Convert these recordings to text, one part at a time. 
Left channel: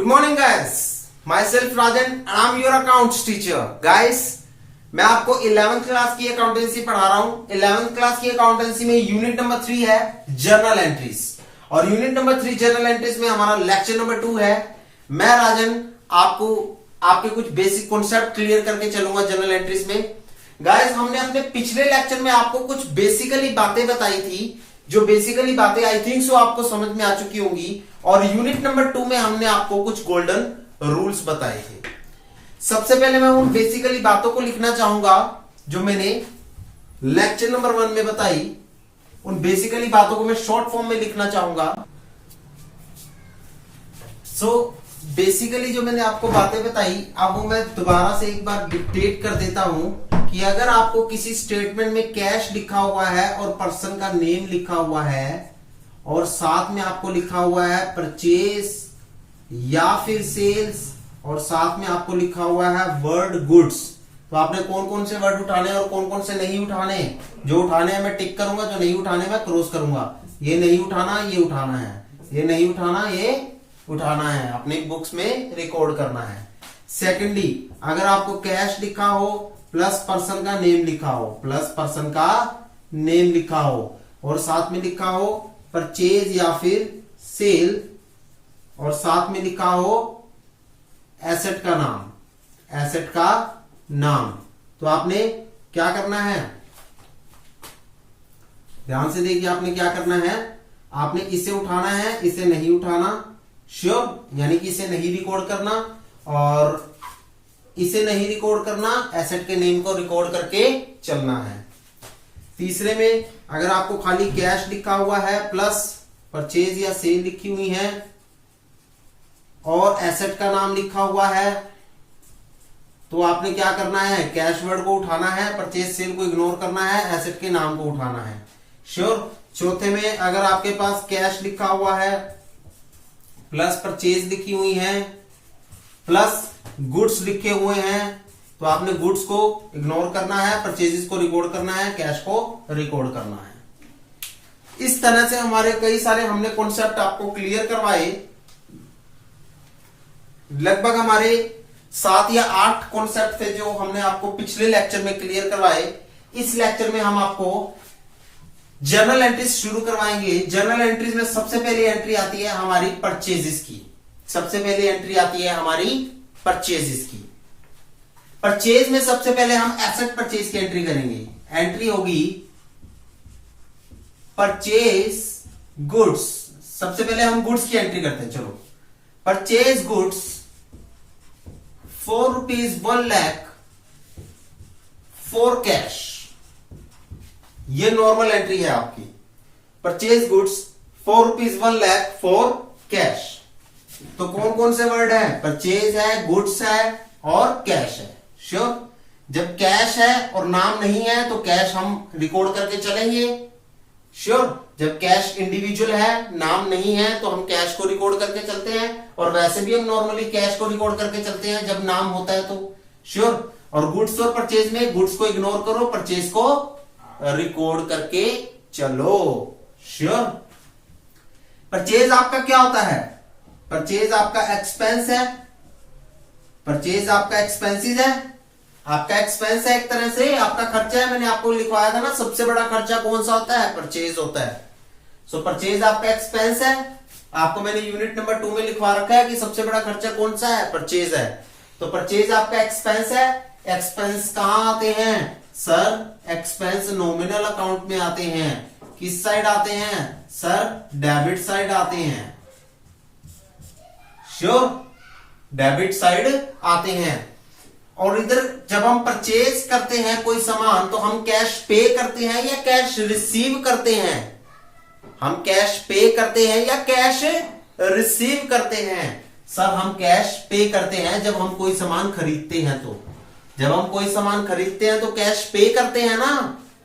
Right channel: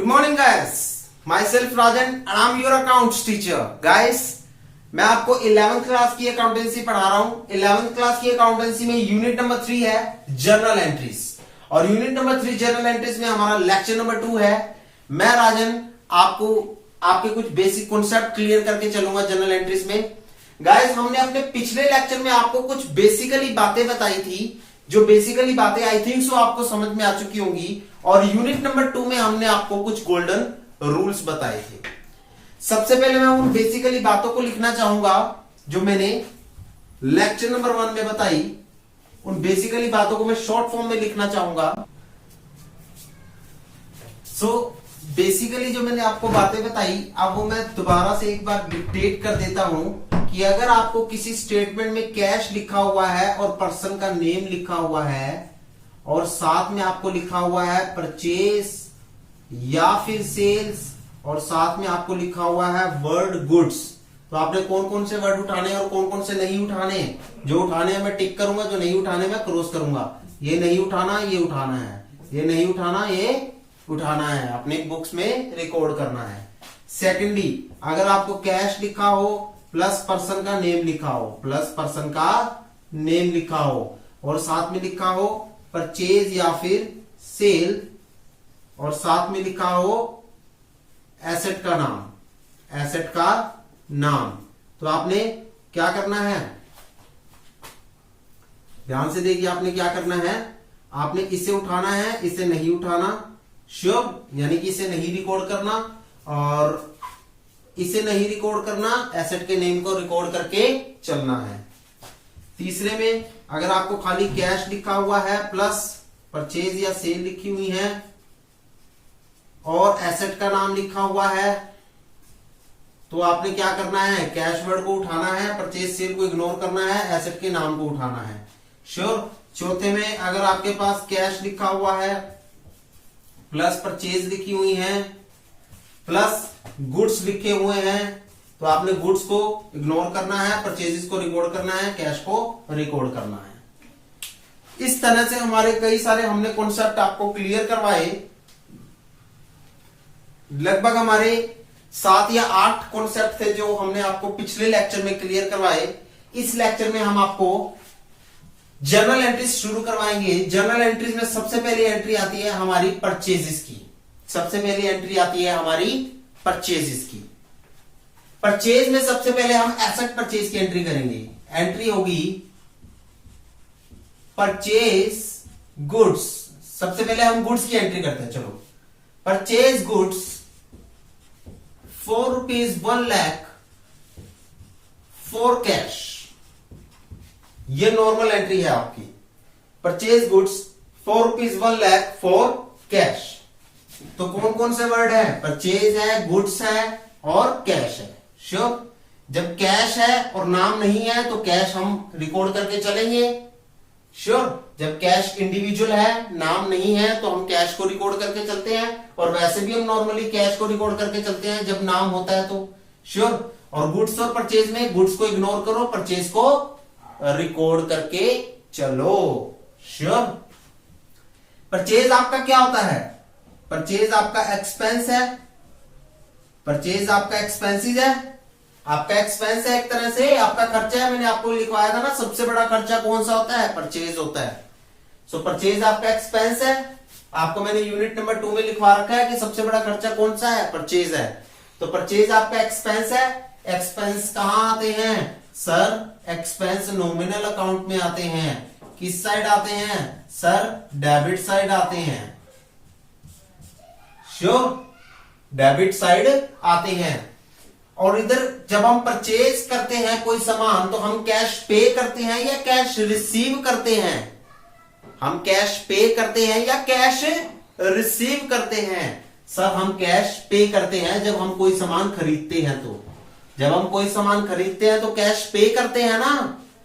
Good morning guys. Myself Rajan and I'm your accounts teacher. Guys, मैं आपको 11th class की accountancy पढ़ा रहा हूं। 11th क्लास की अकाउंटेंसी में यूनिट नंबर 3 है जर्नल एंट्रीज और यूनिट नंबर 3 जर्नल एंट्रीज में हमारा लेक्चर नंबर 2 है। मैं राजन आपको आपके कुछ बेसिक कॉन्सेप्ट क्लियर करके चलूंगा जर्नल एंट्रीज में। गाइस, हमने अपने पिछले लेक्चर में आपको कुछ बेसिकली बातें बताई थी, जो बेसिकली बातें आई थिंक सो आपको समझ में आ चुकी होंगी। और यूनिट नंबर 2 में हमने आपको कुछ गोल्डन रूल्स बताए थे। सबसे पहले मैं उन बेसिकली बातों को लिखना चाहूंगा जो मैंने लेक्चर नंबर 1 में बताई। उन बेसिकली बातों को मैं शॉर्ट फॉर्म में लिखना चाहूंगा। बेसिकली जो मैंने आपको बातें बताई, अब वो मैं दोबारा से एक बार डिक्टेट कर देता हूं कि अगर आपको किसी स्टेटमेंट में कैश लिखा हुआ है और पर्सन का नेम लिखा हुआ है और साथ में आपको लिखा हुआ है परचेज या फिर सेल्स और साथ में आपको लिखा हुआ है वर्ड गुड्स, तो आपने कौन कौन से वर्ड उठाने और कौन कौन से नहीं उठाने। जो उठाने हैं मैं टिक करूंगा, जो नहीं उठाने मैं क्रॉस करूंगा। ये नहीं उठाना, ये उठाना है, ये नहीं उठाना, ये उठाना है, अपने बुक्स में रिकॉर्ड करना है। सेकेंडली, अगर आपको कैश लिखा हो प्लस पर्सन का नेम लिखा हो, प्लस पर्सन का नेम लिखा हो और साथ में लिखा हो परचेज या फिर सेल और साथ में लिखा हो एसेट का नाम, एसेट का नाम, तो आपने क्या करना है, ध्यान से देखिए आपने क्या करना है। आपने इसे उठाना है, इसे नहीं उठाना, श्योर, यानी कि इसे नहीं रिकॉर्ड करना और इसे नहीं रिकॉर्ड करना, एसेट के नेम को रिकॉर्ड करके चलना है। तीसरे में अगर आपको खाली कैश लिखा हुआ है प्लस परचेज या सेल लिखी हुई है और एसेट का नाम लिखा हुआ है, तो आपने क्या करना है, कैश वर्ड को उठाना है, परचेज सेल को इग्नोर करना है, एसेट के नाम को उठाना है, श्योर। चौथे में अगर आपके पास कैश लिखा हुआ है प्लस परचेज लिखी हुई है प्लस गुड्स लिखे हुए हैं, तो आपने गुड्स को इग्नोर करना है, परचेजेस को रिकॉर्ड करना है, कैश को रिकॉर्ड करना है। इस तरह से हमारे कई सारे हमने कॉन्सेप्ट आपको क्लियर करवाए। लगभग हमारे 7 या 8 कॉन्सेप्ट थे जो हमने आपको पिछले लेक्चर में क्लियर करवाए। इस लेक्चर में हम आपको जर्नल एंट्रीज शुरू करवाएंगे। जर्नल एंट्रीज में सबसे पहली एंट्री आती है हमारी परचेजेस की। सबसे पहली एंट्री आती है हमारी परचेजेस की। परचेज में सबसे पहले हम एसेट परचेज की एंट्री करेंगे। एंट्री होगी परचेज गुड्स। सबसे पहले हम गुड्स की एंट्री करते हैं। चलो, purchase goods ₹4 lakh for cash. ये नॉर्मल एंट्री है आपकी। Purchase goods ₹1 lakh for cash. तो कौन कौन से वर्ड है, परचेज है, गुड्स है और कैश है, श्योर। जब कैश है और नाम नहीं है तो कैश हम रिकॉर्ड करके चलेंगे, श्योर। जब कैश इंडिविजुअल है, नाम नहीं है, तो हम कैश को रिकॉर्ड करके चलते हैं। और वैसे भी हम नॉर्मली कैश को रिकॉर्ड करके चलते हैं जब नाम होता है तो, श्योर। और गुड्स और परचेज में गुड्स को इग्नोर करो, परचेज को रिकॉर्ड करके चलो, श्योर। परचेज आपका क्या होता है, परचेज आपका एक्सपेंस है, परचेज आपका एक्सपेंसिस है, आपका एक्सपेंस है, एक तरह से आपका खर्चा है। मैंने आपको लिखवाया था ना, सबसे बड़ा खर्चा कौन सा होता है, परचेज होता है। सो परचेज आपका एक्सपेंस है। आपको मैंने यूनिट नंबर 2 में लिखवा रखा है कि सबसे बड़ा खर्चा कौन सा है, परचेज है। तो परचेज आपका एक्सपेंस है। एक्सपेंस कहां आते हैं सर, एक्सपेंस नॉमिनल अकाउंट में आते हैं। किस साइड आते हैं सर, डेबिट साइड आते हैं, श्योर, डेबिट साइड आते हैं। और इधर जब हम परचेज करते हैं कोई सामान तो हम कैश पे करते हैं या कैश रिसीव करते हैं, हम कैश पे करते हैं या कैश रिसीव करते हैं। सर हम कैश पे करते हैं जब हम कोई सामान खरीदते हैं, तो जब हम कोई सामान खरीदते हैं तो कैश पे करते हैं ना,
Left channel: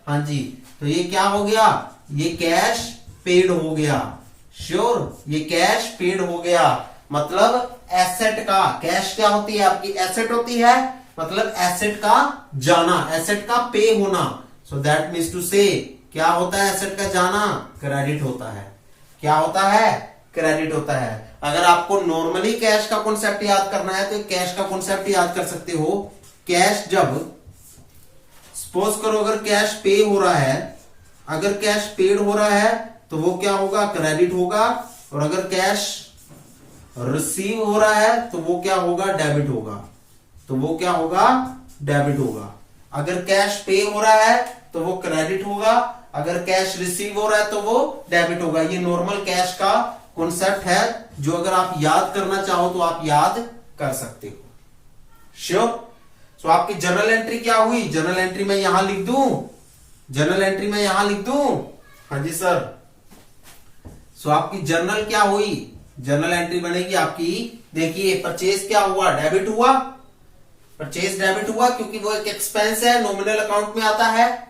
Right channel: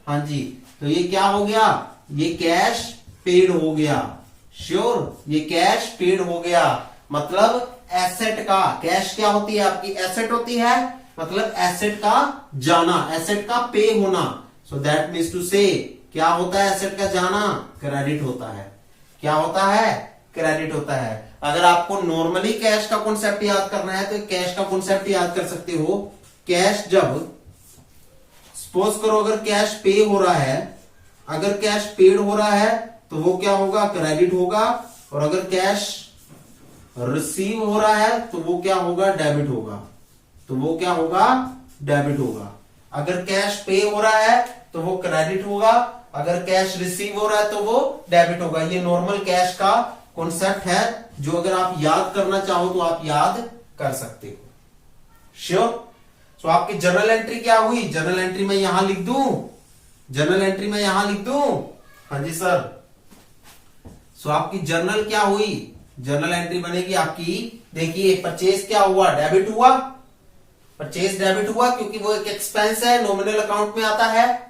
हाँ जी। तो ये क्या हो गया, ये कैश पेड हो गया, श्योर, ये कैश पेड हो गया। मतलब एसेट का, कैश क्या होती है आपकी, एसेट होती है, मतलब एसेट का जाना, एसेट का पे होना। सो दैट मीन्स टू से, क्या होता है एसेट का जाना, क्रेडिट होता है। क्या होता है, क्रेडिट होता है। अगर आपको नॉर्मली कैश का कॉन्सेप्ट याद करना है तो कैश का कॉन्सेप्ट याद कर सकते हो। कैश जब सपोज करो अगर कैश पे हो रहा है, अगर कैश पेड हो रहा है तो वो क्या होगा, क्रेडिट होगा। और अगर कैश रिसीव हो रहा है तो वो क्या होगा, डेबिट होगा। तो वो क्या होगा, डेबिट होगा। अगर कैश पे हो रहा है तो वो क्रेडिट होगा, अगर कैश रिसीव हो रहा है तो वो डेबिट होगा। ये नॉर्मल कैश का कॉन्सेप्ट है जो अगर आप याद करना चाहो तो आप याद कर सकते हो। श्योर। तो आपकी जर्नल एंट्री क्या हुई, जर्नल एंट्री में यहां लिख दूं, जर्नल एंट्री में यहां लिख दूं। हाँ जी सर। सो आपकी जर्नल क्या हुई, जर्नल एंट्री बनेगी आपकी। देखिए परचेज क्या हुआ, डेबिट हुआ। परचेज डेबिट हुआ क्योंकि वो एक एक्सपेंस है, नॉमिनल अकाउंट में आता है।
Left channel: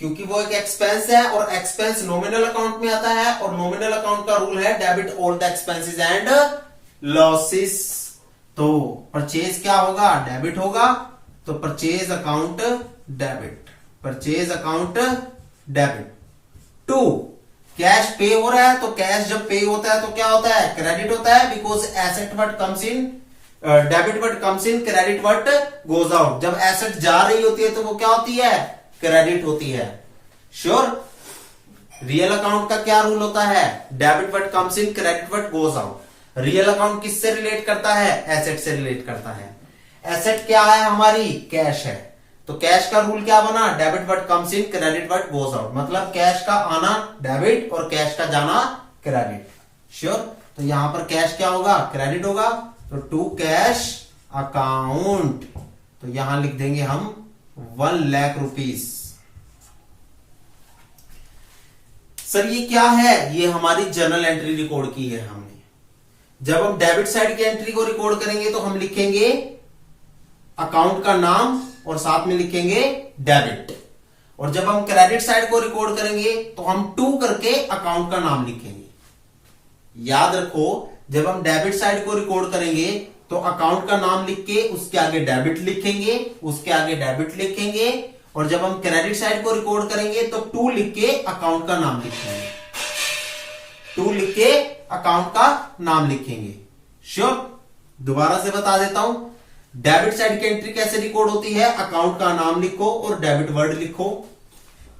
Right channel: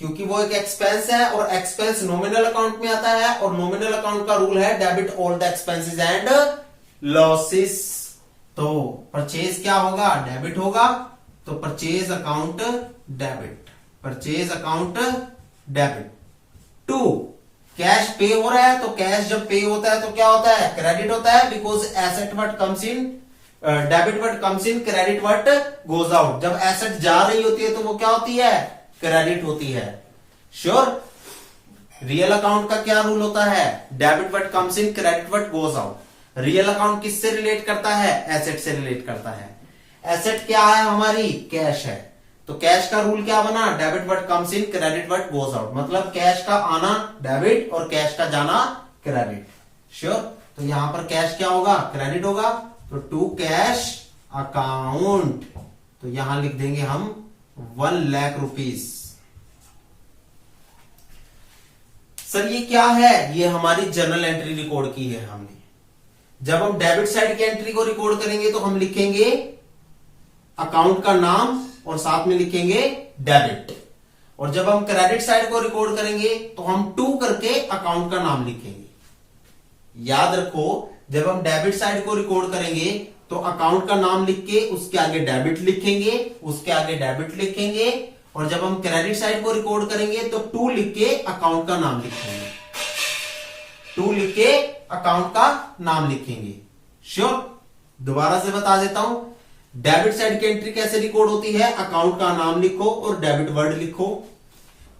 क्योंकि वो एक एक्सपेंस है और एक्सपेंस नॉमिनल अकाउंट में आता है और नॉमिनल अकाउंट का रूल है debit all the expenses and losses. तो परचेज क्या होगा, डेबिट होगा। तो purchase account debit, purchase account debit. 2 cash पे हो रहा है तो कैश जब पे होता है तो क्या होता है, क्रेडिट होता है। Because asset what comes in, debit what comes in, credit what goes out. जब एसेट जा रही होती है तो वो क्या होती है, क्रेडिट होती है। श्योर। रियल अकाउंट का क्या रूल होता है, debit what comes in, credit what goes out. Real account किससे रिलेट करता है, एसेट से रिलेट करता है। एसेट क्या है हमारी, कैश है। तो कैश का रूल क्या बना, debit what comes in, credit what goes out. मतलब कैश का आना डेबिट और कैश का जाना क्रेडिट। श्योर। तो यहां पर कैश क्या होगा, क्रेडिट होगा। तो टू कैश अकाउंट, तो यहां लिख देंगे हम 1 लाख रुपीस। सर ये क्या है, ये हमारी जर्नल एंट्री रिकॉर्ड की है हमने। जब हम डेबिट साइड की एंट्री को रिकॉर्ड करेंगे तो हम लिखेंगे अकाउंट का नाम और साथ में लिखेंगे डेबिट। और जब हम क्रेडिट साइड को रिकॉर्ड करेंगे तो हम 2 करके अकाउंट का नाम लिखेंगे। याद रखो, जब हम डेबिट साइड को रिकॉर्ड करेंगे तो अकाउंट का नाम लिख के उसके आगे डेबिट लिखेंगे, उसके आगे डेबिट लिखेंगे। और जब हम क्रेडिट साइड को रिकॉर्ड करेंगे तो 2 लिख के अकाउंट का नाम लिखेंगे, 2 लिख के अकाउंट का नाम लिखेंगे। श्योर। दोबारा से बता देता हूं, डेबिट साइड की एंट्री कैसे रिकॉर्ड होती है, अकाउंट का नाम लिखो और डेबिट वर्ड लिखो।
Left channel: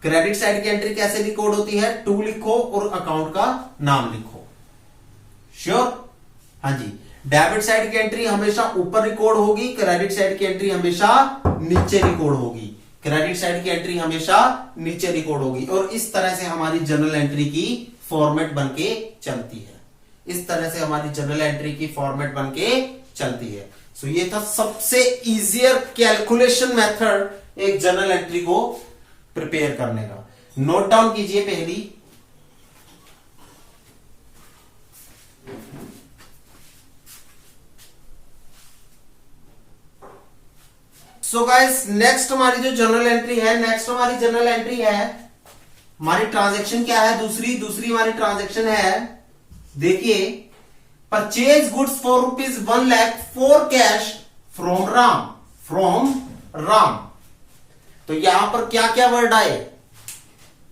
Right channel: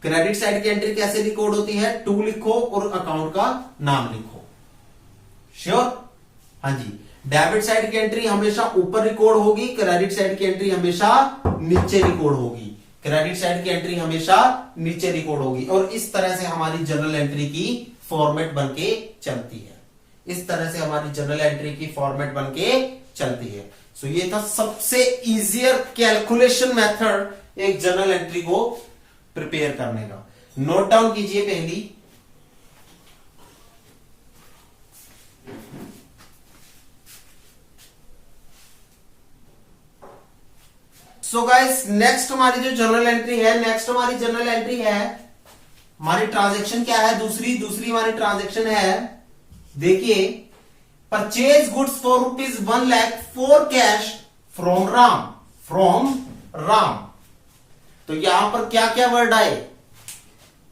क्रेडिट साइड की एंट्री कैसे रिकॉर्ड होती है, 2 लिखो और अकाउंट का नाम लिखो। श्योर। हाँ जी। डेबिट साइड की एंट्री हमेशा ऊपर रिकॉर्ड होगी, क्रेडिट साइड की एंट्री हमेशा नीचे रिकॉर्ड होगी। क्रेडिट साइड की एंट्री हमेशा नीचे रिकॉर्ड होगी। और इस तरह से हमारी जर्नल एंट्री की फॉर्मेट बनके चलती है। इस तरह से हमारी जर्नल एंट्री की फॉर्मेट बनके चलती है। सो ये था सबसे इजियर कैलकुलेशन मेथड एक जर्नल एंट्री को प्रिपेयर करने का। नोट डाउन कीजिए पहली। सो गाइस नेक्स्ट हमारी जो जर्नल एंट्री है, नेक्स्ट हमारी जर्नल एंट्री है, हमारी ट्रांजैक्शन क्या है, दूसरी हमारी ट्रांजैक्शन है। देखिए, purchase goods for ₹1 lakh for cash from Ram. तो यहां पर क्या क्या वर्ड आए,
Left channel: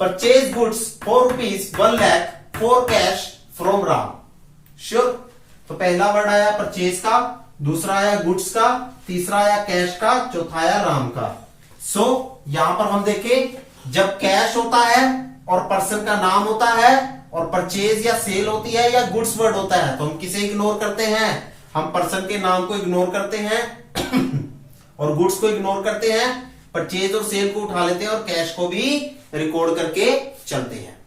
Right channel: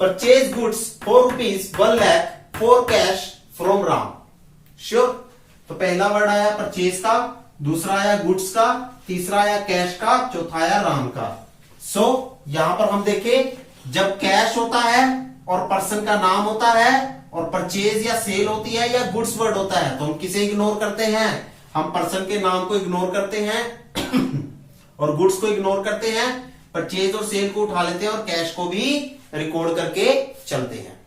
purchase goods for ₹1 lakh for cash from Ram. Sure. तो पहला वर्ड आया परचेज का, दूसरा आया गुड्स का, तीसरा आया कैश का, चौथा आया राम का। सो यहां पर हम देखें, जब कैश होता है और पर्सन का नाम होता है और परचेज या सेल होती है या गुड्स वर्ड होता है तो हम किसे इग्नोर करते हैं, हम पर्सन के नाम को इग्नोर करते हैं और गुड्स को इग्नोर करते हैं, परचेज और सेल को उठा लेते हैं और कैश को भी रिकॉर्ड करके चलते हैं।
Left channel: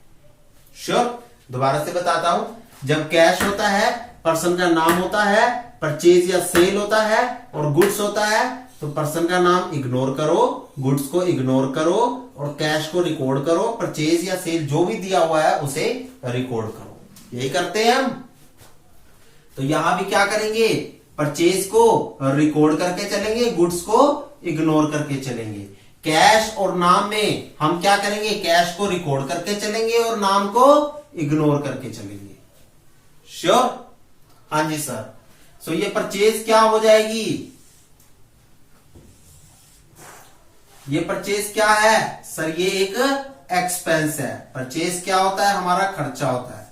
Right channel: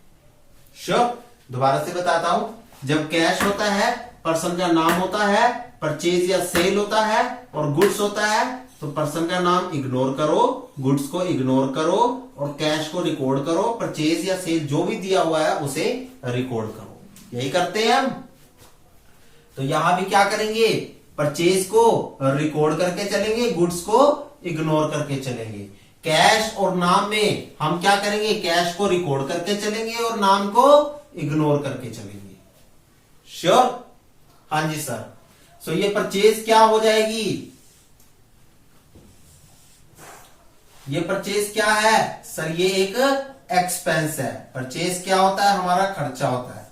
श्योर। दोबारा से बताता हूं, जब कैश होता है, पर्सन का नाम होता है, परचेज या सेल होता है और गुड्स होता है तो पर्सन का नाम इग्नोर करो, गुड्स को इग्नोर करो और कैश को रिकॉर्ड करो, परचेज या सेल जो भी दिया हुआ है उसे रिकॉर्ड करो। यही करते हैं हम। तो यहां भी क्या करेंगे, परचेज को रिकॉर्ड करके चलेंगे, गुड्स को इग्नोर करके चलेंगे। कैश और नाम में हम क्या करेंगे, कैश को रिकॉर्ड करके चलेंगे और नाम को इग्नोर करके चलेंगे। श्योर। हाँ जी सर। सो ये परचेज क्या हो जाएगी, ये परचेज क्या है सर, ये एक एक्सपेंस है। परचेज क्या होता है, हमारा खर्चा होता है।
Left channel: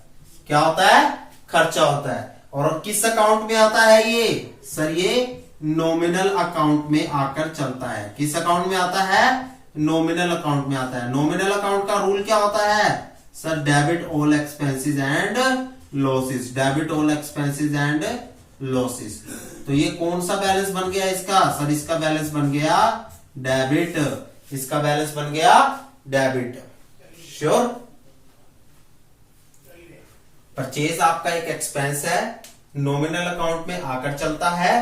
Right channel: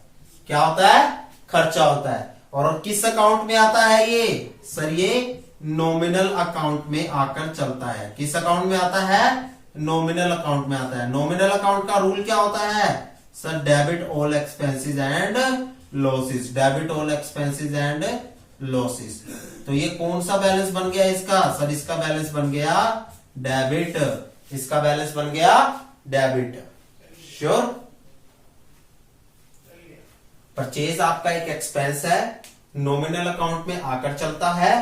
क्या होता है, खर्चा होता है। और किस अकाउंट में आता है ये? सर ये नॉमिनल अकाउंट में आकर चलता है। किस अकाउंट में आता है? नॉमिनल अकाउंट में आता है। नॉमिनल अकाउंट का रूल क्या होता है? Sir debit all expenses and losses, debit all expenses and losses. तो ये कौन सा बैलेंस बन गया इसका? सर इसका बैलेंस बन गया डेबिट, इसका बैलेंस बन गया डेबिट। श्योर? परचेज आपका एक एक्सपेंस है, नॉमिनल अकाउंट में आकर चलता है।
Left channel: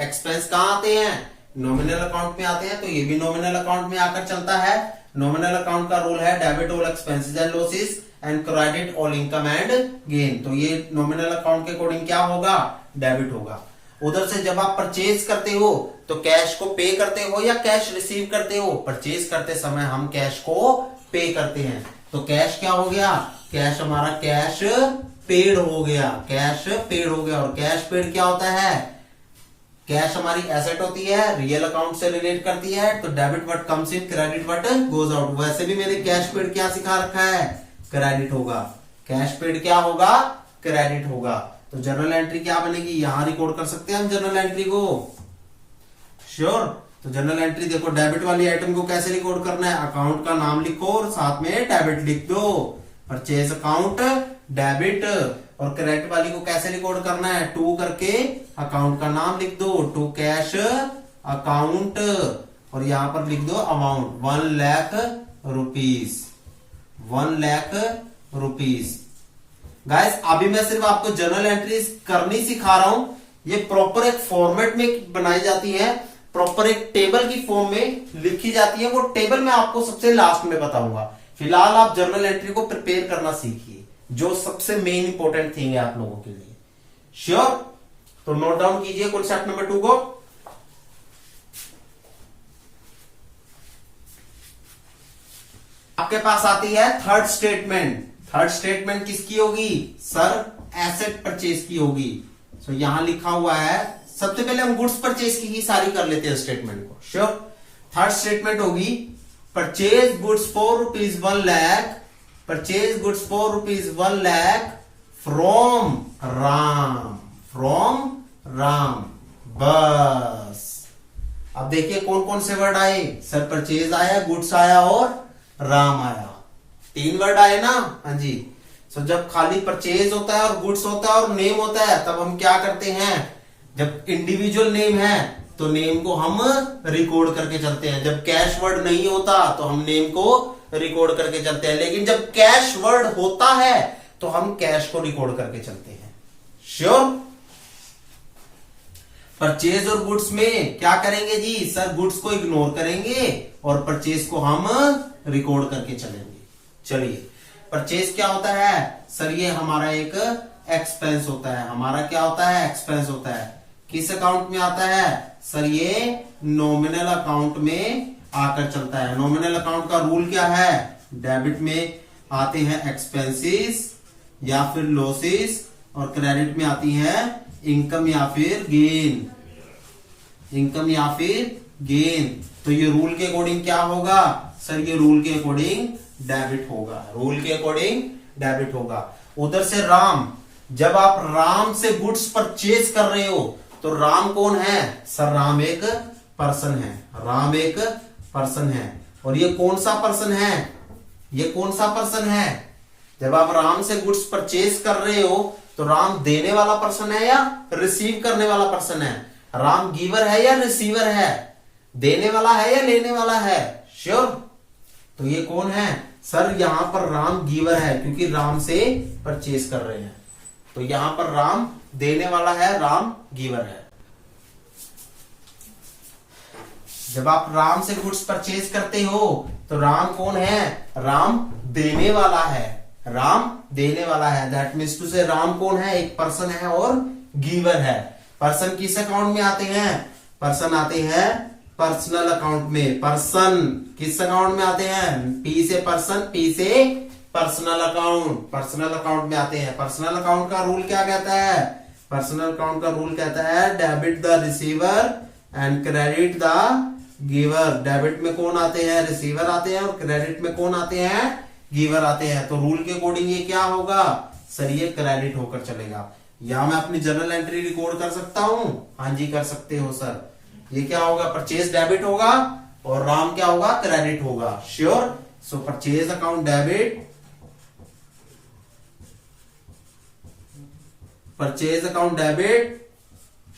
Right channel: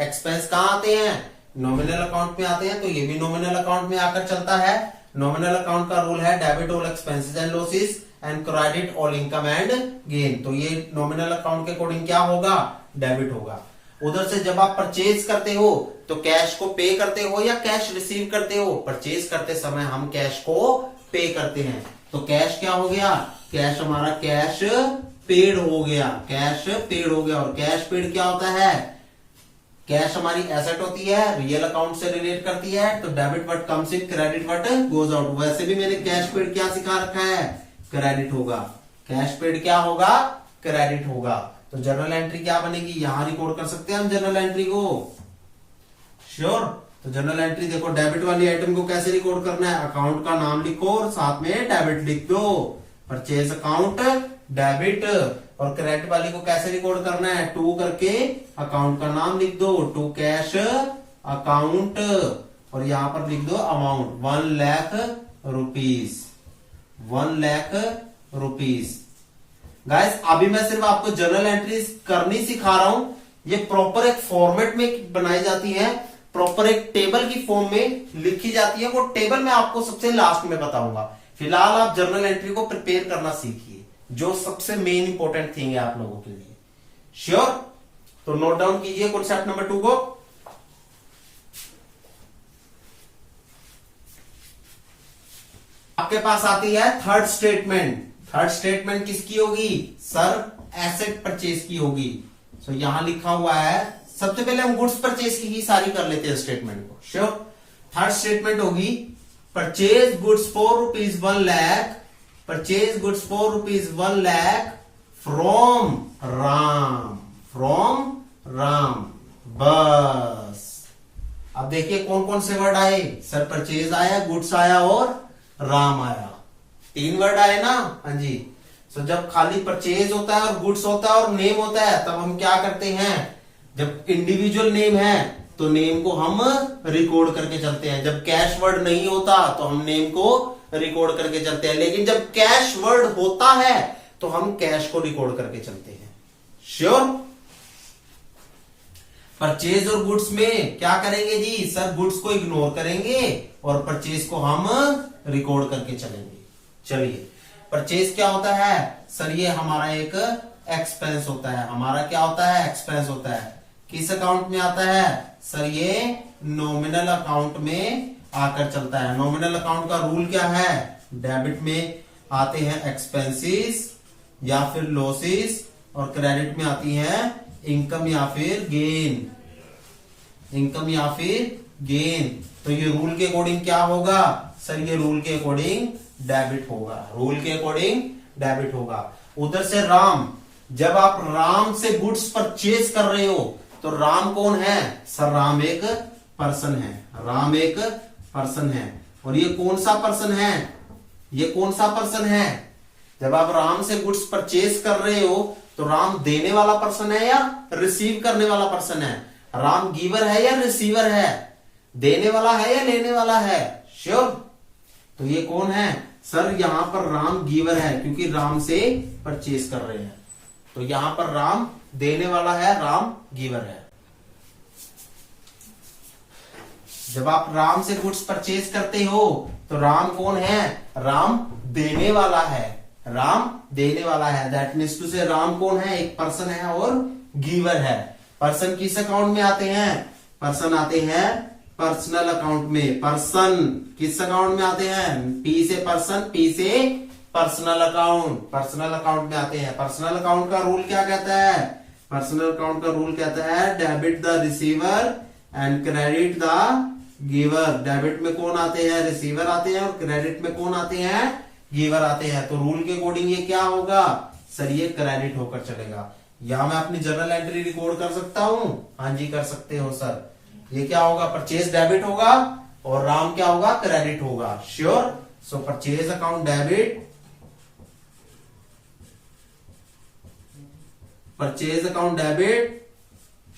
एक्सपेंस कहां आते हैं? नॉमिनल अकाउंट में आते हैं, तो ये भी नॉमिनल अकाउंट में आकर चलता है। नॉमिनल अकाउंट का रूल है debit all expenses and losses and credit all income and gain. तो ये नॉमिनल अकाउंट के अकॉर्डिंग क्या होगा? डेबिट होगा। उधर से जब आप परचेज करते हो तो कैश को पे करते हो या कैश रिसीव करते हो? परचेज करते समय हम कैश को पे करते हैं, तो कैश क्या हो गया? कैश हमारा कैश पेड हो गया, कैश पेड हो गया। और कैश पेड क्या होता है? कैश हमारी एसेट होती है, रियल अकाउंट से रिलेट करती है, तो debit what comes in, credit what goes out. वैसे भी मैंने कैश पेड क्या सिखा रखा है? क्रेडिट होगा। कैश पेड क्या होगा? क्रेडिट होगा। तो जर्नल एंट्री क्या बनेगी? यहां रिकॉर्ड कर सकते हैं हम जर्नल एंट्री को। श्योर? तो जर्नल एंट्री देखो, डेबिट वाली आइटम को कैसे रिकॉर्ड करना है? अकाउंट का नाम लिखो और साथ में डेबिट लिख दो, परचेज अकाउंट डेबिट। और क्रेडिट वाली को कैसे रिकॉर्ड करना है? टू करके अकाउंट का नाम लिख दो, टू कैश अकाउंट, और यहां पर लिख दो amount 1 lakh rupees, 1 lakh rupees. Guys अभी मैं सिर्फ आपको जर्नल एंट्रीज करनी सिखा रहा हूं। ये प्रॉपर एक फॉर्मेट में बनाई जाती है, प्रॉपर एक टेबल की फॉर्म में लिखी जाती है। वो टेबल मैं आपको सबसे लास्ट में बताऊंगा। फिलहाल आप जर्नल एंट्री को प्रिपेयर करना सीखिए, जो सबसे मेन इंपॉर्टेंट थिंग है आप लोगों के लिए। श्योर? तो नोट डाउन कीजिए कॉन्सेप्ट नंबर 2 को। आपके पास आती है थर्ड स्टेटमेंट। थर्ड स्टेटमेंट किसकी होगी? सर एसेट परचेज की होगी। तो यहां लिखा हुआ है, सबसे पहले हम गुड्स परचेज की ही सारी कर लेते हैं स्टेटमेंट को। श्योर? थर्ड स्टेटमेंट होगी purchase goods for rupees 1 lakh, purchase goods for rupees 1 lakh from Ram, from Ram. बस अब देखिए कौन कौन से वर्ड आए? सर परचेज आया, गुड्स आया और राम आया। 3 वर्ड आए ना? हाँ जी। सो जब खाली परचेज होता है और गुड्स होता है और नेम होता है, तब हम क्या करते हैं? जब इंडिविजुअल नेम है तो नेम को हम रिकॉर्ड करके चलते हैं। जब कैश वर्ड नहीं होता तो हम नेम को रिकॉर्ड करके चलते हैं। लेकिन जब कैश वर्ड होता है तो हम कैश को रिकॉर्ड करके चलते हैं। श्योर? परचेज और गुड्स में क्या करेंगे जी? सर गुड्स को इग्नोर करेंगे और परचेज को हम रिकॉर्ड करके चलेंगे। चलिए, परचेज क्या होता है? सर ये हमारा एक एक्सपेंस होता है। हमारा क्या होता है? एक्सपेंस होता है। किस अकाउंट में आता है? सर ये नॉमिनल अकाउंट में आकर चलता है। नॉमिनल अकाउंट का रूल क्या है? डेबिट में आते हैं एक्सपेंसेस या फिर लॉसेस, और क्रेडिट में आती है इनकम या फिर गेन, इनकम या फिर गेन। तो ये रूल के अकॉर्डिंग क्या होगा? सर ये रूल के अकॉर्डिंग डेबिट होगा, रूल के अकॉर्डिंग डेबिट होगा। उधर से राम, जब आप राम से गुड्स परचेज कर रहे हो तो राम कौन है? सर राम एक पर्सन है, राम एक पर्सन है। और ये कौन सा पर्सन है? ये कौन सा पर्सन है? जब आप राम से गुड्स परचेज कर रहे हो तो राम देने वाला पर्सन है या रिसीव करने वाला पर्सन है? राम गिवर है या रिसीवर है? देने वाला है या लेने वाला है? श्योर? तो ये कौन है? सर यहां पर राम गिवर है, क्योंकि राम से परचेज कर रहे हैं। तो यहां पर राम देने वाला है, राम गिवर है। जब आप राम से गुड्स परचेज करते हो तो राम कौन है? राम देने वाला है, राम देने वाला है। दैट मीन्स टू से राम कौन है? एक पर्सन है और गिवर है। पर्सन किस अकाउंट में आते हैं? पर्सन आते हैं पर्सनल अकाउंट में। पर्सन किस अकाउंट में आते हैं? पी से पर्सन, पी से पर्सनल अकाउंट, पर्सनल अकाउंट में आते हैं। पर्सनल अकाउंट का रूल क्या कहता है? पर्सनल अकाउंट का रूल कहता है debit the receiver and credit the giver. Debit में कौन आते हैं? रिसीवर आते हैं, और क्रेडिट में कौन आते हैं? गिवर आते हैं। तो रूल के अकॉर्डिंग ये क्या होगा? सर ये क्रेडिट होकर चलेगा। या मैं अपनी जर्नल एंट्री रिकॉर्ड कर सकता हूं? हाँ जी कर सकते हो सर। ये क्या होगा? परचेज डेबिट होगा और राम क्या होगा? क्रेडिट होगा। Sure. So purchase account debit, purchase account debit.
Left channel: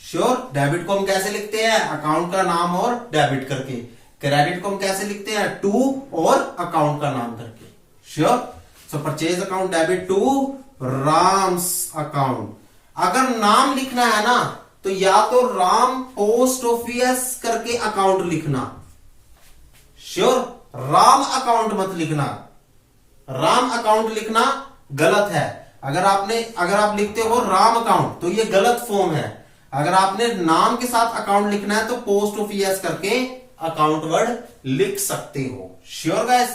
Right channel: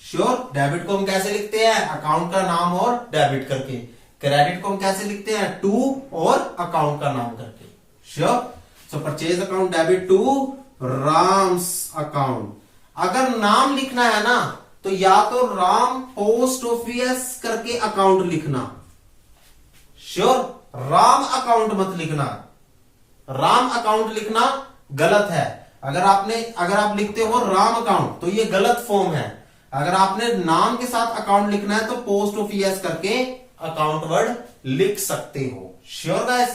Sure. Debit को हम कैसे लिखते हैं? अकाउंट का नाम और डेबिट करके। क्रेडिट को हम कैसे लिखते हैं? टू और अकाउंट का नाम करके। Sure. So purchase account debit to Ram's account. अगर नाम लिखना है ना तो या तो राम पोस्ट ऑफिस करके अकाउंट लिखना। श्योर। राम अकाउंट मत लिखना। राम अकाउंट लिखना गलत है। अगर आप लिखते हो राम अकाउंट तो ये गलत फॉर्म है। अगर आपने नाम के साथ अकाउंट लिखना है तो पोस्ट ऑफिस करके अकाउंट वर्ड लिख सकते हो। Sure guys.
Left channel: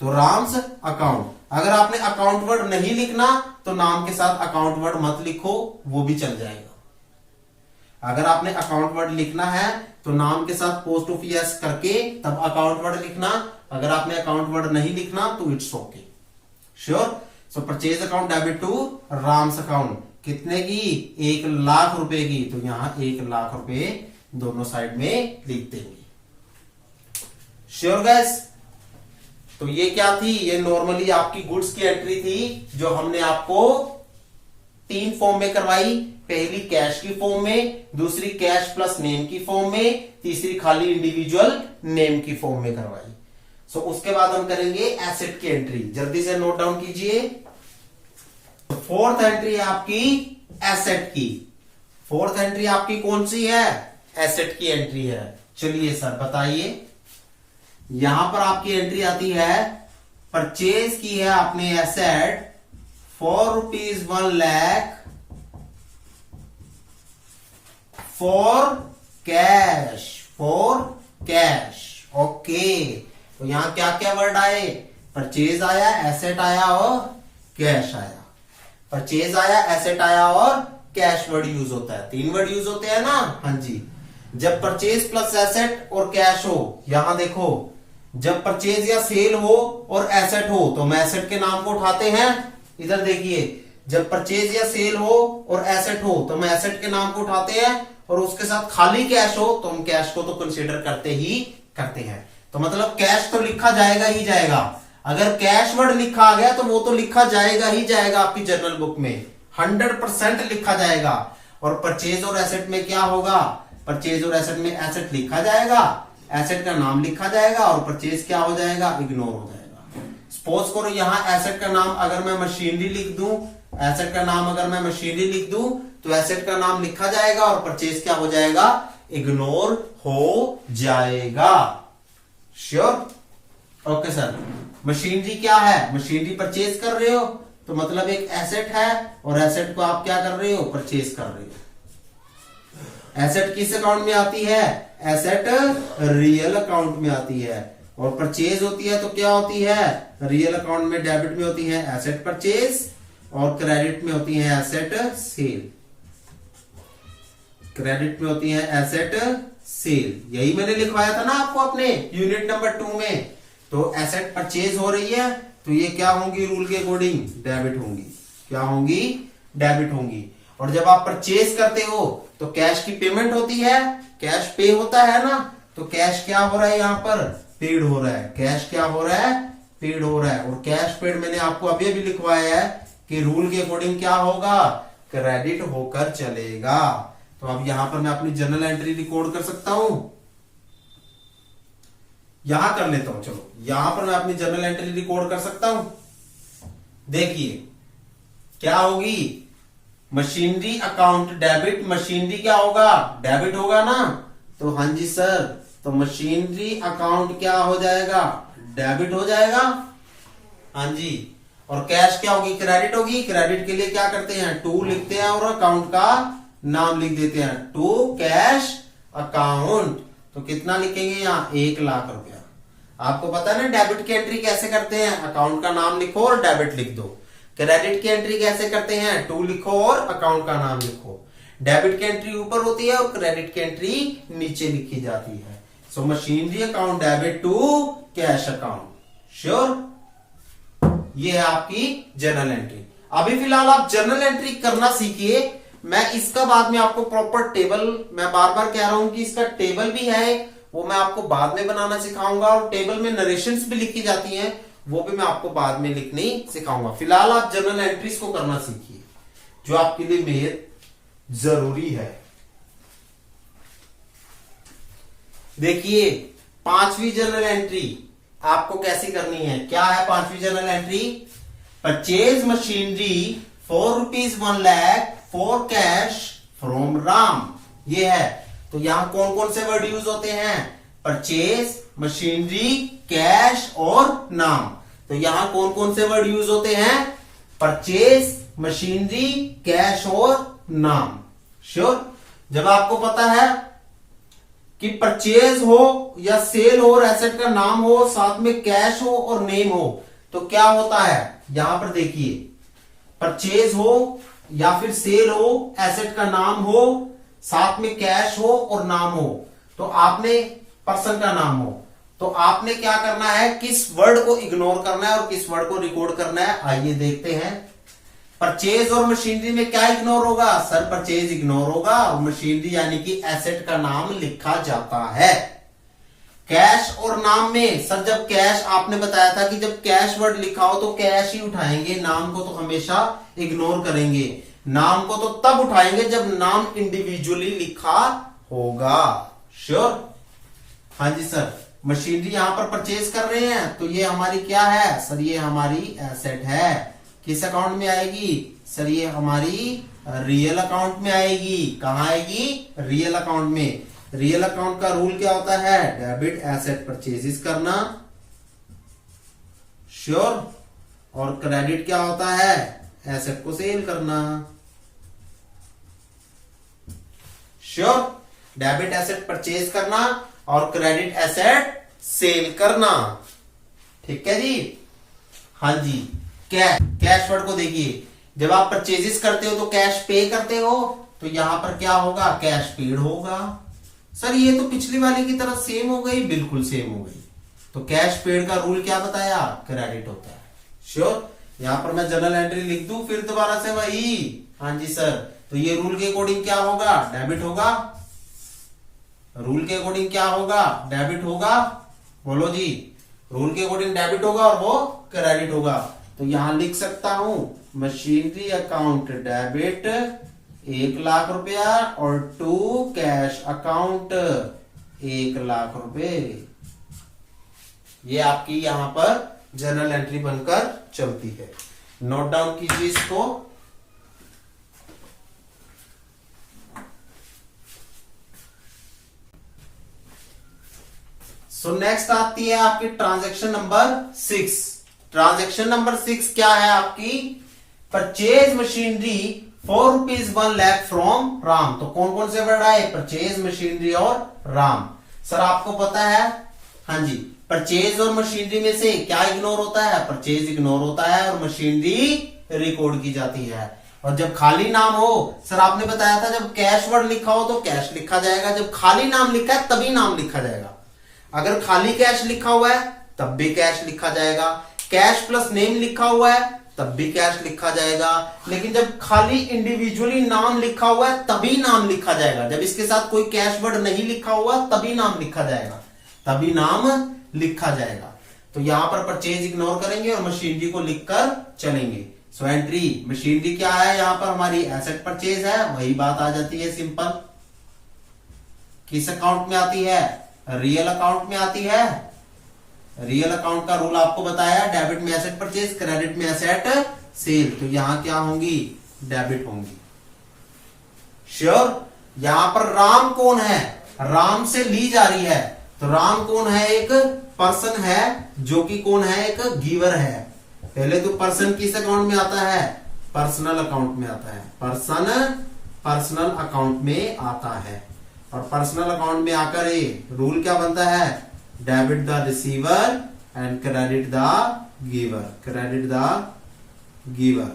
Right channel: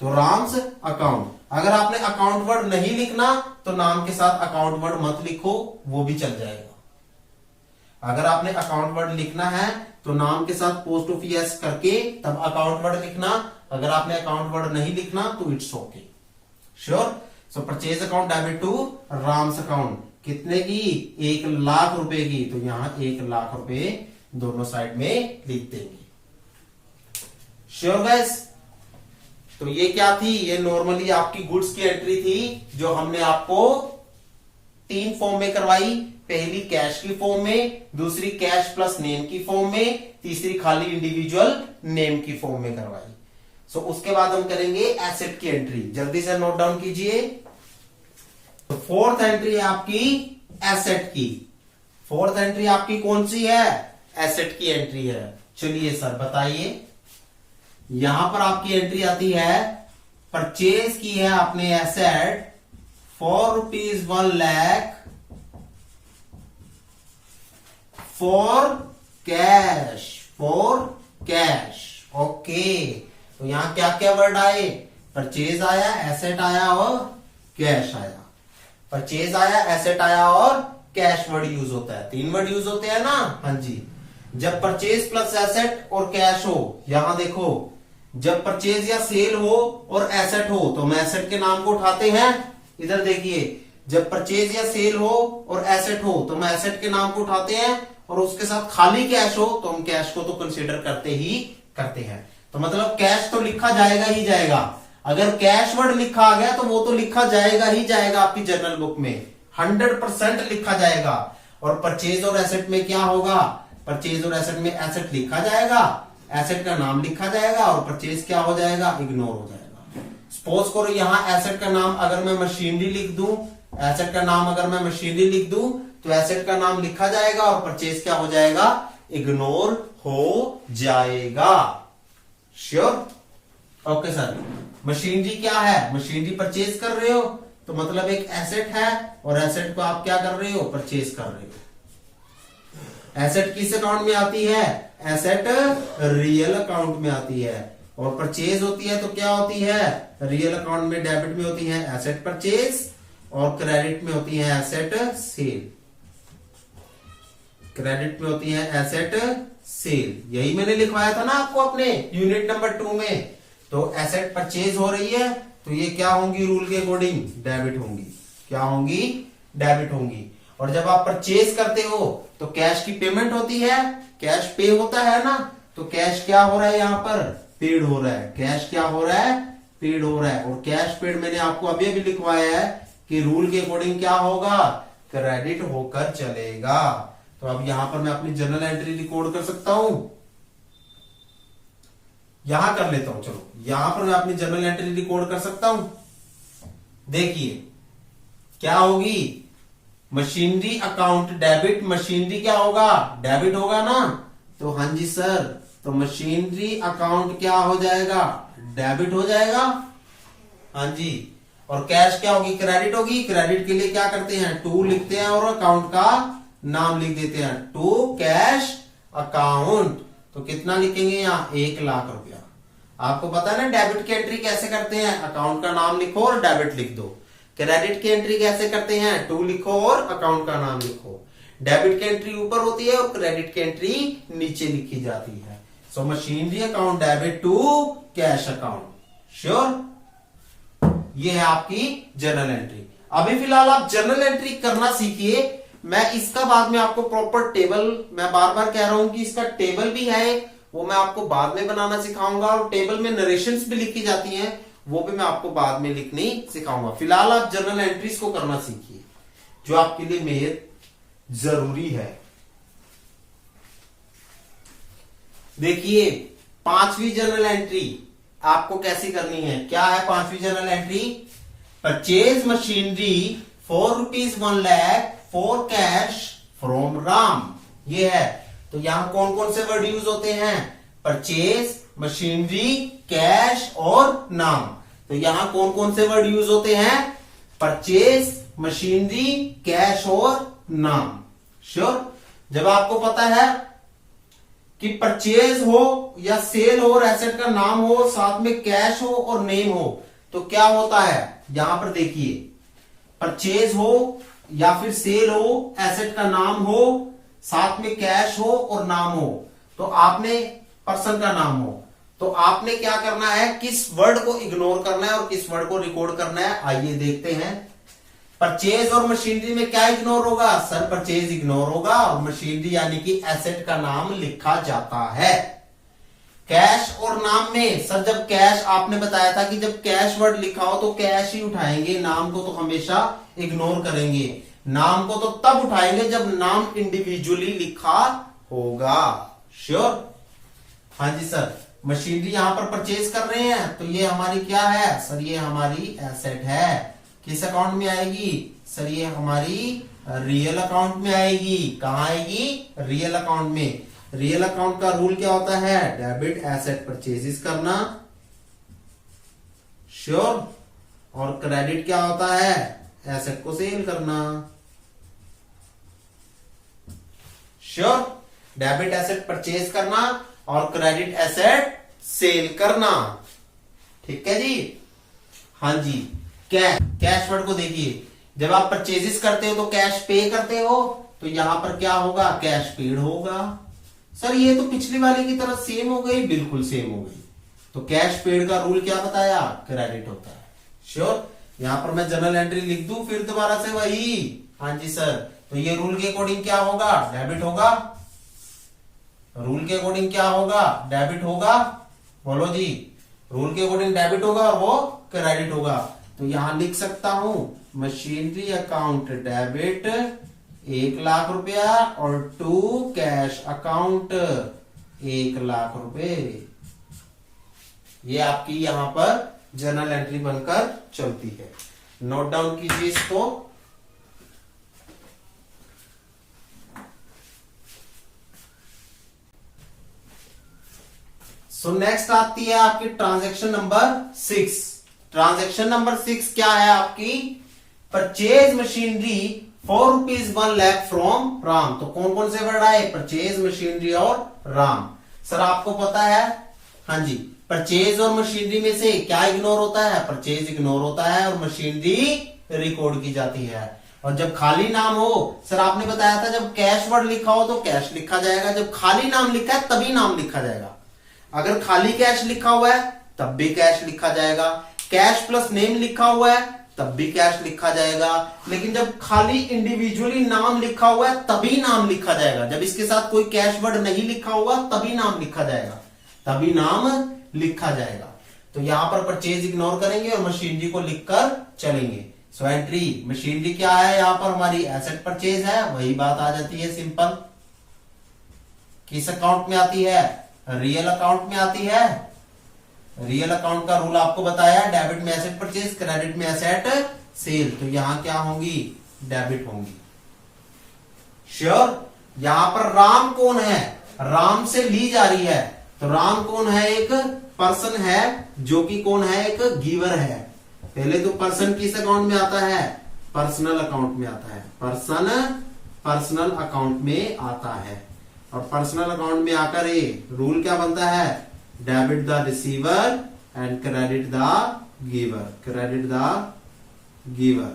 तो राम्स अकाउंट। अगर आपने अकाउंट वर्ड नहीं लिखना तो नाम के साथ अकाउंट वर्ड मत लिखो, वो भी चल जाएगा। अगर आपने अकाउंट वर्ड लिखना है तो नाम के साथ पोस्ट ऑफिस करके तब अकाउंट वर्ड लिखना। अगर आपने अकाउंट वर्ड नहीं लिखना तो it's okay. Sure. So purchase account debit to Ram's account. कितने की? 1 लाख रुपए की। तो यहां 1 लाख रुपए दोनों साइड में लिख देंगे। Sure guys. तो ये क्या थी? ये नॉर्मली आपकी गुड्स की एंट्री थी जो हमने आपको 3 फॉर्म में करवाई। पहली कैश की फॉर्म में, दूसरी कैश प्लस नेम की फॉर्म में, तीसरी खाली इंडिविजुअल नेम की फॉर्म में करवाई। सो उसके बाद हम करेंगे एसेट की एंट्री। जल्दी से नोट डाउन कीजिए। तो फोर्थ एंट्री है आपकी एसेट की। फोर्थ एंट्री आपकी कौन सी है? एसेट की एंट्री है। चलिए सर बताइए। यहां पर आपकी एंट्री आती है, परचेज की है आपने एसेट ₹1 फॉर कैश। ओके। तो यहां क्या क्या वर्ड आए? परचेज आया, एसेट आया और कैश आया। परचेज आया, एसेट आया और कैश वर्ड यूज होता है। 3 वर्ड यूज होते हैं ना? हाँ जी। जब परचेज प्लस एसेट और कैश हो, यहां देखो, जब परचेज या सेल हो और एसेट हो तो हम एसेट के नाम को उठाते हैं। इधर देखिए, जब परचेज या सेल हो और एसेट हो तो हम एसेट के नाम को उठाते हैं, और उसके साथ खाली कैश हो तो हम कैश को तो कंसीडर करते हैं। तो मतलब कैश तो लिखा जाएगा ही जाएगा। अगर कैश वर्ड लिखा आ गया तो वो तो लिखा जाएगा ही जाएगा आपकी जर्नल बुक में, 100% लिखा जाएगा। और परचेज और एसेट में क्या होगा? परचेज और एसेट में एसेट लिखा जाएगा, एसेट का नाम लिखा जाएगा, और परचेज क्या हो जाएगा? इग्नोर हो जाएगा। सपोज करो यहां एसेट का नाम अगर मैं मशीनरी लिख दूं, एसेट का नाम अगर मैं मशीनरी लिख दूं तो एसेट का नाम लिखा जाएगा और परचेज क्या हो जाएगा? इग्नोर हो जाएगा। श्योर। Okay sir. मशीनरी क्या है? मशीनरी परचेज कर रहे हो तो मतलब एक एसेट है, और एसेट को आप क्या कर रहे हो? परचेज कर रहे हो। एसेट किस अकाउंट में आती है? एसेट रियल अकाउंट में आती है। और परचेज होती है तो क्या होती है? रियल अकाउंट में डेबिट में होती है एसेट परचेज, और क्रेडिट में होती है एसेट सेल। क्रेडिट में होती है एसेट सेल। यही मैंने लिखवाया था ना आपको अपने यूनिट नंबर 2 में। तो एसेट परचेज हो रही है तो ये क्या होंगी? रूल के अकॉर्डिंग डेबिट होंगी। क्या होंगी? डेबिट होंगी। और जब आप परचेज करते हो तो कैश की पेमेंट होती है, कैश पे होता है ना, तो कैश क्या हो रहा है? यहां पर पेड हो रहा है। कैश क्या हो रहा है? पेड हो रहा है। और कैश पेड मैंने आपको अभी अभी लिखवाया है कि रूल के अकॉर्डिंग क्या होगा? क्रेडिट होकर चलेगा। तो अब यहां पर मैं अपनी जर्नल एंट्री रिकॉर्ड कर सकता हूं। यहां कर लेता हूं। चलो यहां पर मैं अपनी जर्नल एंट्री रिकॉर्ड कर सकता हूं। देखिए क्या होगी? Machinery account debit. मशीनरी क्या होगा? डेबिट होगा ना? तो हाँ जी सर। तो मशीनरी अकाउंट क्या हो जाएगा? डेबिट हो जाएगा। हाँ जी। और कैश क्या होगी? क्रेडिट होगी। क्रेडिट के लिए क्या करते हैं? टू लिखते हैं और अकाउंट का नाम लिख देते हैं, टू कैश अकाउंट। तो कितना लिखेंगे यहाँ? 1 लाख रुपया। आपको पता है ना डेबिट की एंट्री कैसे करते हैं? अकाउंट का नाम लिखो और डेबिट लिख दो। क्रेडिट की एंट्री कैसे करते हैं? टू लिखो और अकाउंट का नाम लिखो। डेबिट की एंट्री ऊपर होती है और क्रेडिट की एंट्री नीचे लिखी जाती है। So machinery account debit to cash account. Sure. ये है आपकी जर्नल एंट्री। अभी फिलहाल आप जर्नल एंट्री करना सीखिए, मैं इसका बाद में आपको प्रॉपर टेबल, मैं बार बार कह रहा हूं कि इसका टेबल भी है, वो मैं आपको बाद में बनाना सिखाऊंगा, और टेबल में नरेशंस भी लिखी जाती हैं, वो भी मैं आपको बाद में लिखनी सिखाऊंगा। फिलहाल आप जर्नल एंट्रीज को करना सीखिए, जो आपके लिए बेहद जरूरी है। देखिए, 5वीं जर्नल एंट्री आपको कैसी करनी है। क्या है 5वीं journal entry? Purchase machinery ₹1,00,000 for cash from Ram, ये है। तो यहां कौन कौन से वर्ड यूज होते हैं? परचेज, मशीनरी, कैश और नाम। तो यहां कौन कौन से वर्ड यूज होते हैं? परचेज, मशीनरी, कैश और नाम। श्योर? जब आपको पता है कि परचेज हो या सेल हो और एसेट का नाम हो, साथ में कैश हो और नेम हो, तो क्या होता है? यहां पर देखिए, परचेज हो या फिर सेल हो, एसेट का नाम हो, साथ में कैश हो और नाम हो, तो आपने पर्सन का नाम हो, तो आपने क्या करना है? किस वर्ड को इग्नोर करना है और किस वर्ड को रिकॉर्ड करना है? आइए देखते हैं। परचेज और मशीनरी में क्या इग्नोर होगा? सर परचेज इग्नोर होगा, और मशीनरी यानी कि एसेट का नाम लिखा जाता है। कैश और नाम में सर, जब कैश, आपने बताया था कि जब कैश वर्ड लिखा हो तो कैश ही उठाएंगे, नाम को तो हमेशा इग्नोर करेंगे। नाम को तो तब उठाएंगे जब नाम इंडिविजुअली लिखा होगा। श्योर? हाँ जी सर। मशीनरी यहां पर परचेज कर रहे हैं, तो ये हमारी क्या है? सर ये हमारी एसेट है। किस अकाउंट में आएगी? सर ये हमारी रियल अकाउंट में आएगी। कहां आएगी? रियल अकाउंट में। रियल अकाउंट का रूल क्या होता है? डेबिट एसेट परचेजेस करना। श्योर? और क्रेडिट क्या होता है? एसेट को सेल करना। श्योर? डेबिट एसेट परचेज करना और क्रेडिट एसेट सेल करना। ठीक है जी? हाँ जी। कैश वर्ड को देखिए, जब आप परचेजेस करते हो तो कैश पे करते हो, तो यहां पर क्या होगा? कैश पेड होगा। सर ये तो पिछली वाले की तरह सेम हो गई, बिल्कुल सेम हो गई। तो कैश पेड का रूल क्या बताया? क्रेडिट होता है। श्योर? यहां पर मैं जर्नल एंट्री लिख दूं फिर दोबारा से वही? हाँ जी सर। तो ये रूल के अकॉर्डिंग क्या होगा? डेबिट होगा। रूल के अकॉर्डिंग क्या होगा? डेबिट होगा। बोलो जी। रूल के अकॉर्डिंग डेबिट होगा और वो क्रेडिट होगा। तो यहां लिख सकता हूं मशीनरी अकाउंट डेबिट 1,00,000 रुपया और टू कैश अकाउंट 1,00,000 रुपए। ये आपकी यहां पर जर्नल एंट्री बनकर चलती है। नोट डाउन कीजिए इसको। सो नेक्स्ट आती है आपकी ट्रांजैक्शन नंबर 6। ट्रांजैक्शन नंबर 6 क्या है आपकी? Purchase machinery ₹1,00,000 from Ram. तो कौन कौन से वर्ड आए? परचेज, मशीनरी और राम। सर आपको पता है, हाँ जी, परचेज और मशीनरी में से क्या इग्नोर होता है? परचेज इग्नोर होता है और मशीनरी रिकॉर्ड की जाती है। और जब खाली नाम हो, सर आपने बताया था जब कैश वर्ड लिखा हो तो कैश लिखा जाएगा, जब खाली नाम लिखा है तभी नाम लिखा जाएगा। अगर खाली कैश लिखा हुआ है तब भी कैश लिखा जाएगा, कैश प्लस नेम लिखा हुआ है तब भी कैश लिखा जाएगा, लेकिन जब खाली इंडिविजुअली नाम लिखा हुआ है तभी नाम लिखा जाएगा। जब इसके साथ कोई कैश वर्ड नहीं लिखा हुआ तभी नाम लिखा जाएगा, तभी नाम लिखा जाएगा। तो यहां पर परचेज इग्नोर करेंगे और मशीनरी को लिखकर चलेंगे। सो एंट्री मशीनरी क्या है? यहां पर हमारी एसेट परचेज है, वही बात आ जाती है सिंपल। किस अकाउंट में आती है? रियल अकाउंट में आती है। रियल अकाउंट का रूल आपको बताया, डेबिट में एसेट परचेज, क्रेडिट में एसेट सेल। तो यहां क्या होंगी? डेबिट होंगी। श्योर? यहां पर राम कौन है? राम से ली जा रही है, तो राम कौन है? एक पर्सन है जो कि कौन है? एक गिवर है। पहले तो पर्सन किस अकाउंट में आता है? पर्सनल अकाउंट में आता है। पर्सनल अकाउंट में आता है। और पर्सनल अकाउंट में आकर ये रूल क्या बनता है? Debit the receiver and credit the giver. Credit the giver.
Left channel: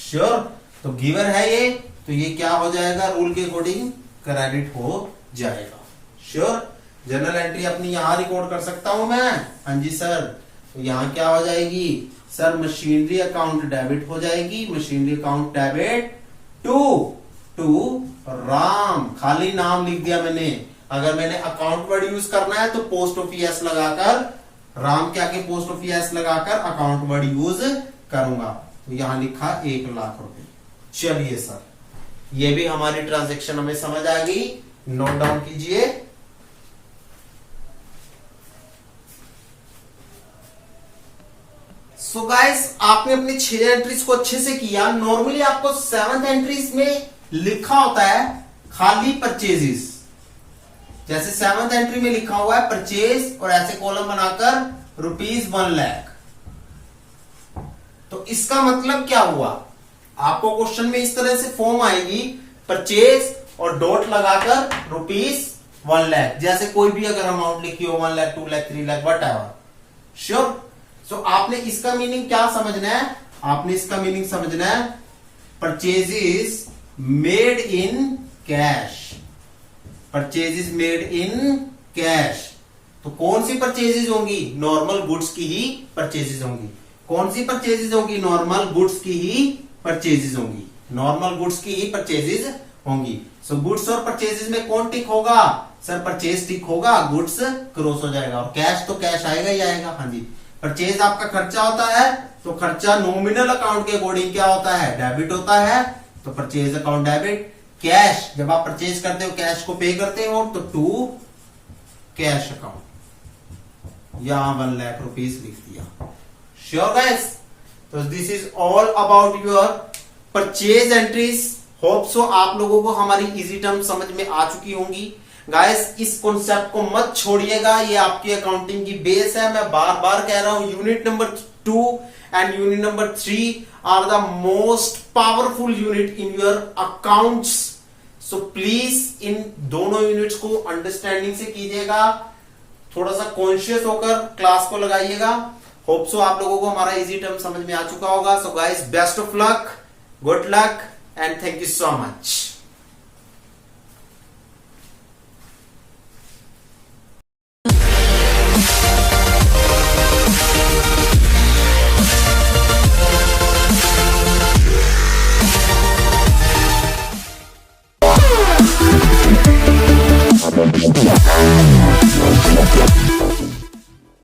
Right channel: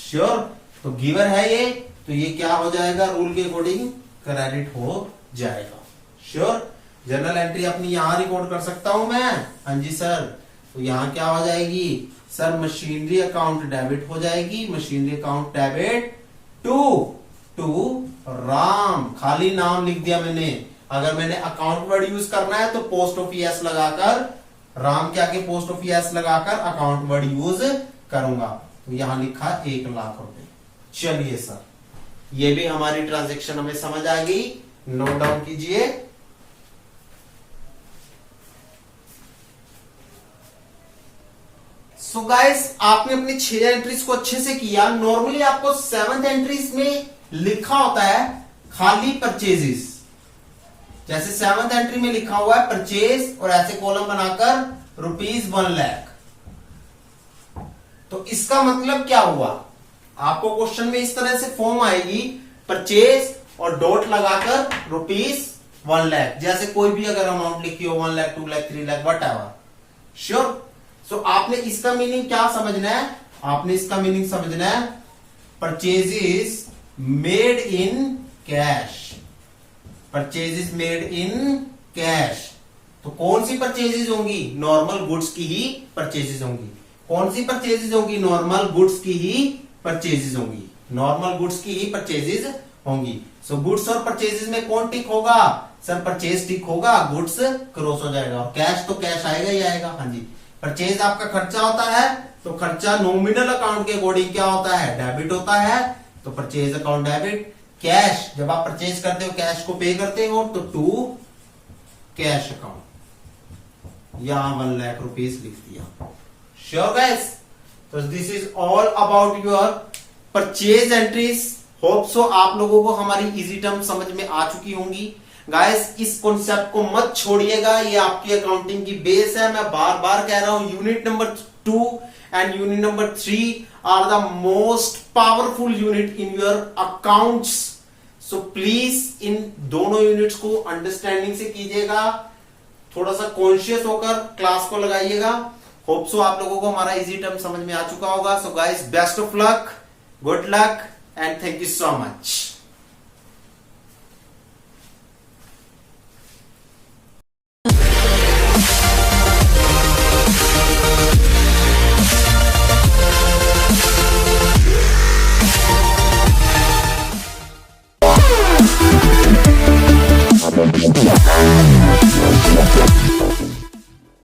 Sure? तो गिवर है ये, तो ये क्या हो जाएगा? रूल के अकॉर्डिंग क्रेडिट हो जाएगा। श्योर? जर्नल एंट्री अपनी यहां रिकॉर्ड कर सकता हूं मैं? हाँ जी सर। तो यहां क्या हो जाएगी? सर मशीनरी अकाउंट डेबिट हो जाएगी। Machinery account debit to to Ram, खाली नाम लिख दिया मैंने। अगर मैंने अकाउंट वर्ड यूज करना है तो पोस्ट ऑफिस एस लगाकर, राम के आगे पोस्ट ऑफिस एस लगाकर अकाउंट वर्ड यूज करूंगा। तो यहां लिखा 1 लाख रुपए। चलिए सर, ये भी हमारी ट्रांजेक्शन हमें समझ आ गई, नोट डाउन कीजिए। सो गाइस, आपने अपनी 6 एंट्रीज को अच्छे से किया। नॉर्मली आपको 7th एंट्रीज में लिखा होता है खाली परचेजेस, जैसे 7th एंट्री में लिखा हुआ है परचेज और ऐसे कॉलम बनाकर ₹1 लाख। तो इसका मतलब क्या हुआ, आपको क्वेश्चन में इस तरह से फॉर्म आएगी, परचेज और डॉट लगाकर ₹1 लाख, जैसे कोई भी अगर अमाउंट लिखी हो 1 lakh 2 lakh 3 lakh whatever. Sure. So आपने इसका मीनिंग क्या समझना है, आपने इसका मीनिंग समझना है purchases made in cash, purchases made in cash. तो कौन सी परचेजेस होंगी, नॉर्मल गुड्स की ही परचेजेस होंगी। कौन सी परचेजेस होंगी, नॉर्मल गुड्स की ही परचेजेस होंगी, नॉर्मल गुड्स की ही परचेजेस होंगी। सो गुड्स और परचेजेस में कौन टिक होगा, सर परचेज टिक होगा, गुड्स क्रॉस हो जाएगा, और कैश तो कैश आएगा ही आएगा। हाँ जी, परचेज आपका खर्चा होता है, तो खर्चा नॉमिनल अकाउंट के अकॉर्डिंग क्या होता है, डेबिट होता है, तो परचेज अकाउंट डेबिट। कैश, जब आप परचेज करते हो कैश को पे करते हो, तो टू कैश अकाउंट, यहां 1 लाख रुपीज लिख दिया। Sure guys. तो this is all about your purchase entries. Hope so आप लोगों को हमारी इजी टर्म समझ में आ चुकी होंगी। गाइस, इस कॉन्सेप्ट को मत छोड़िएगा, ये आपकी अकाउंटिंग की बेस है। मैं बार बार कह रहा हूं, unit number 2 and unit number 3 are the most powerful unit in your accounts. So please इन दोनों यूनिट्स को अंडरस्टैंडिंग से कीजिएगा, थोड़ा सा कॉन्शियस होकर क्लास को लगाइएगा। होप सो आप लोगों को हमारा इजी टर्म समझ में आ चुका होगा। So guys, best of luck, good luck and thank you so much.